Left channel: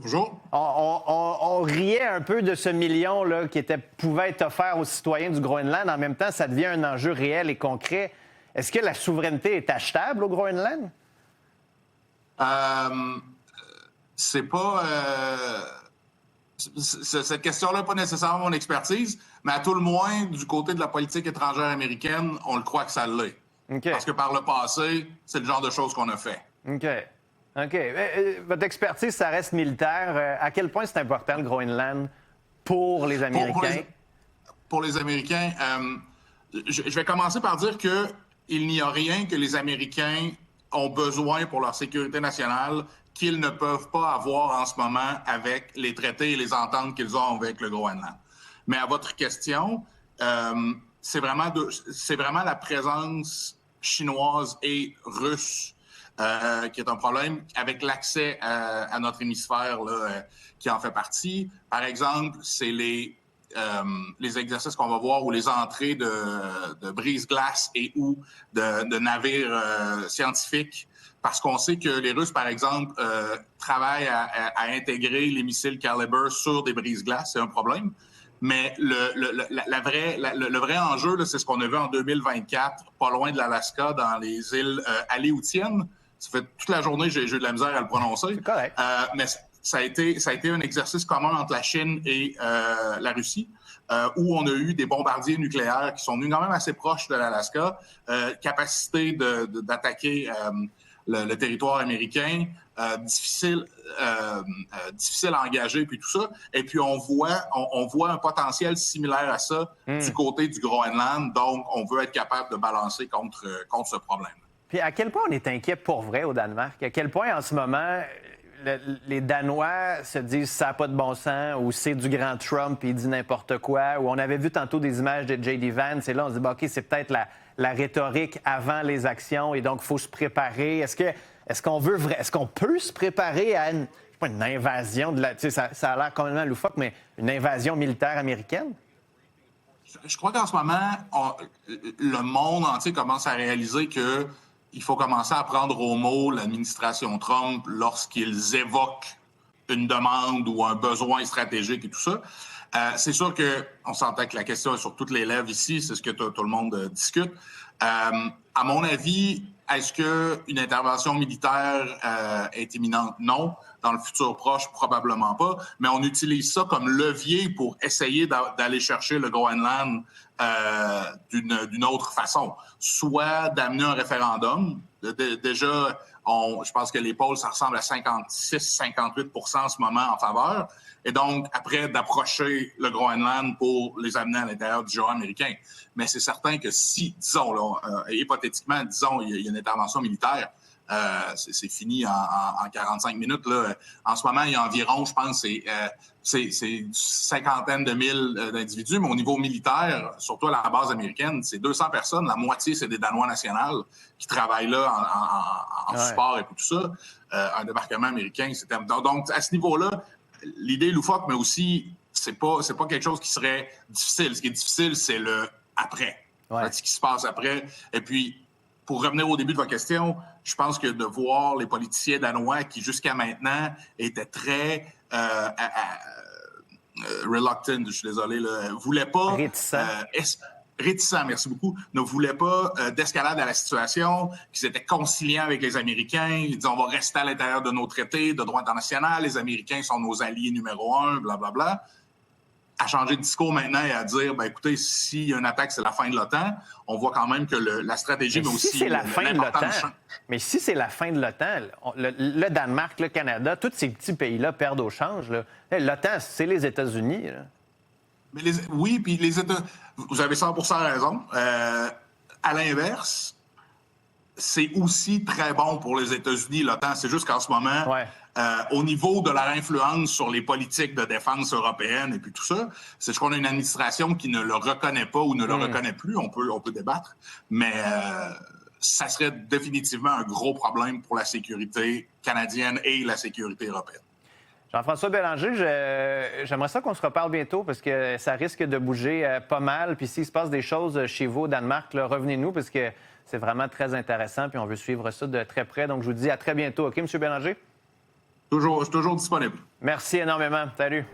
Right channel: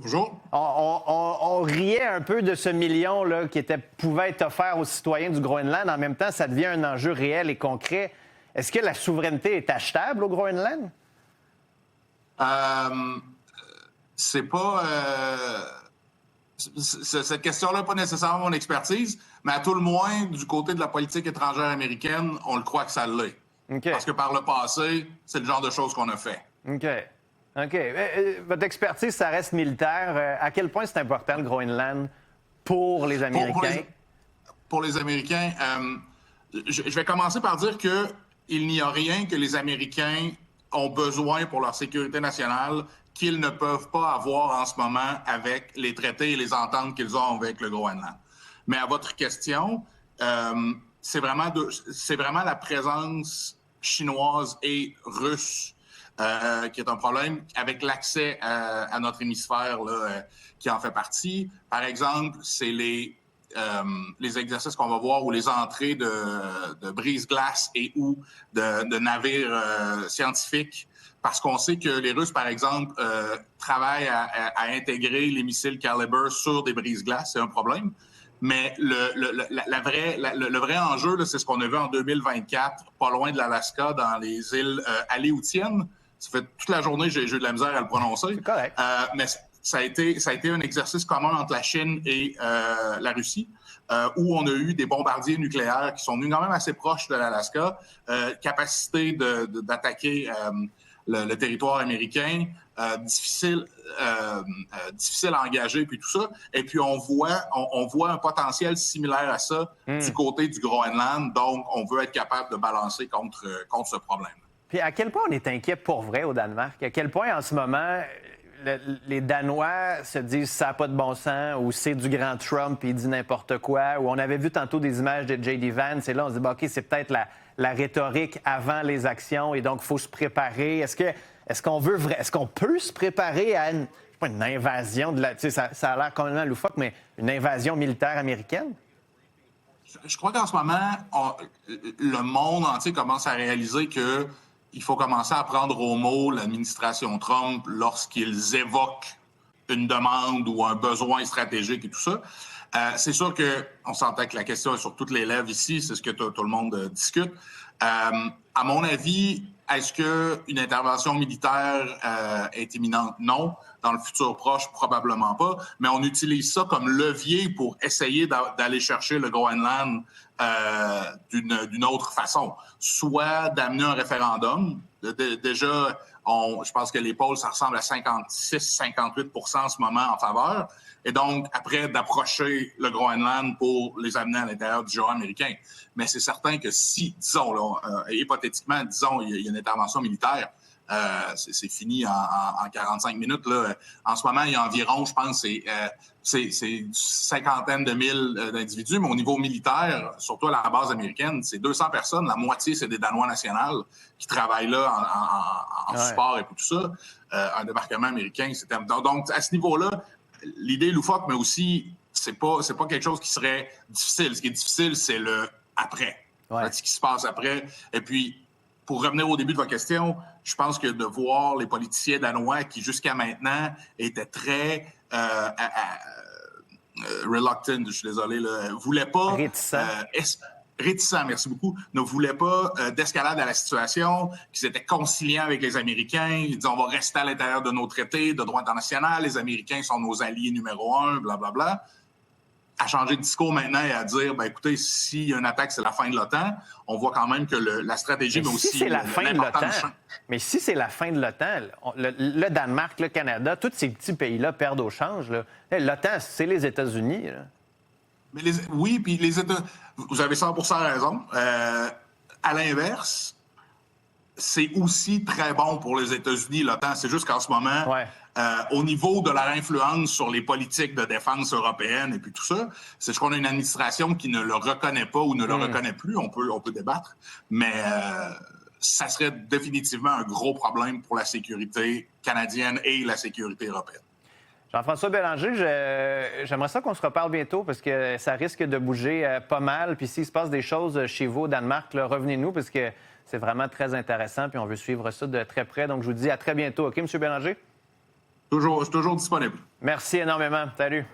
Bonjour. On riait un peu de ce million là, pouvait être offert aux citoyens du Groenland. En même temps, ça devient un enjeu réel et concret. Est-ce que la souveraineté est achetable au Groenland? C'est pas... cette question-là n'est pas nécessairement mon expertise, mais à tout le moins, du côté de la politique étrangère américaine, on le croit que ça l'est. Okay. Parce que par le passé, c'est le genre de choses qu'on a fait. OK. Votre expertise, ça reste militaire. À quel point c'est important le Groenland pour les Américains? Pour les Américains, je vais commencer par dire qu'il n'y a rien que les Américains ont besoin pour leur sécurité nationale qu'ils ne peuvent pas avoir en ce moment avec les traités et les ententes qu'ils ont avec le Groenland. Mais à votre question, c'est vraiment la présence chinoise et russe qui est un problème avec l'accès à notre hémisphère là, qui en fait partie. Par exemple, c'est les exercices qu'on va voir ou les entrées de brise-glace et ou de navires scientifiques, parce qu'on sait que les Russes, par exemple, travaillent à intégrer les missiles Caliber sur des brise-glaces. C'est un problème. Mais le vrai enjeu, là, c'est ce qu'on a vu en 2024, pas loin de l'Alaska, dans les îles Aléoutiennes. Ça fait toute la journée j'ai eu de la misère à le prononcer. Mais ça a été un exercice commun entre la Chine et la Russie, où on a eu des bombardiers nucléaires qui sont venus quand même assez proches de l'Alaska, capacité d'attaquer le territoire américain, difficile à engager, puis tout ça. Et puis on voit un potentiel similaire à ça du côté du Groenland, donc on veut être capable de balancer contre ce problème. Puis à quel point on est inquiet pour vrai au Danemark? À quel point en ce moment les Danois se disent ça n'a pas de bon sens, ou c'est du grand Trump et il dit n'importe quoi, ou on avait vu tantôt des images de J.D. Vance et là on se dit OK, c'est peut-être la rhétorique avant les actions et donc il faut se préparer. Est-ce qu'on peut se préparer à une invasion de ça a l'air quand même loufoque, mais une invasion militaire américaine? Je crois qu'en ce moment, le monde entier commence à réaliser qu'il faut commencer à prendre au mot l'administration Trump lorsqu'ils évoquent une demande ou un besoin stratégique et tout ça. C'est sûr qu'on s'entend que la question est sur toutes les lèvres ici, c'est ce que tout le monde discute. À mon avis, est-ce qu'une intervention militaire est imminente? Non. Dans le futur proche, probablement pas. Mais on utilise ça comme levier pour essayer d'aller chercher le Groenland d'une autre façon. Soit d'amener un référendum. Déjà, je pense que les polls, ça ressemble à 56-58% en ce moment en faveur. Et donc, après, d'approcher le Groenland pour les amener à l'intérieur du genre américain. Mais c'est certain que si, disons, là, hypothétiquement, disons, il y a une intervention militaire, c'est fini en 45 minutes. Là. En ce moment, il y a environ, je pense, c'est une cinquantaine de mille d'individus, mais au niveau militaire, surtout à la base américaine, c'est 200 personnes. La moitié, c'est des Danois nationaux qui travaillent là en support et tout ça. Un débarquement américain, c'était... Donc, à ce niveau-là, l'idée est loufoque, mais aussi, c'est pas quelque chose qui serait difficile. Ce qui est difficile, c'est le après. Ouais. Ce qui se passe après. Et puis, pour revenir au début de votre question, je pense que de voir les politiciens danois qui, jusqu'à maintenant, étaient très reluctant, je suis désolé, ne voulaient pas... Réticents, merci beaucoup, ne voulaient pas d'escalade à la situation, qu'ils étaient conciliants avec les Américains, ils disaient on va rester à l'intérieur de nos traités de droit international, les Américains sont nos alliés numéro 1, blablabla. À changer de discours maintenant et à dire, ben écoutez, s'il y a une attaque, c'est la fin de l'OTAN, on voit quand même que la stratégie, mais aussi... c'est la fin de l'OTAN, mais si c'est la fin de l'OTAN, le Danemark, le Canada, tous ces petits pays-là perdent au change. L'OTAN, c'est les États-Unis. Mais oui, puis les États... Vous avez 100% raison. À l'inverse, c'est aussi très bon pour les États-Unis, l'OTAN. C'est juste qu'en ce moment, au niveau de leur influence sur les politiques de défense européennes et puis tout ça, c'est qu'on a une administration qui ne le reconnaît pas ou ne le reconnaît plus. On peut débattre, mais ça serait définitivement un gros problème pour la sécurité canadienne et la sécurité européenne. Jean-François Bélanger, j'aimerais ça qu'on se reparle bientôt parce que ça risque de bouger pas mal. Puis s'il se passe des choses chez vous au Danemark, là, revenez-nous parce que c'est vraiment très intéressant puis on veut suivre ça de très près. Donc, je vous dis à très bientôt. OK, M. Bélanger? Je suis toujours disponible. Merci énormément. Salut.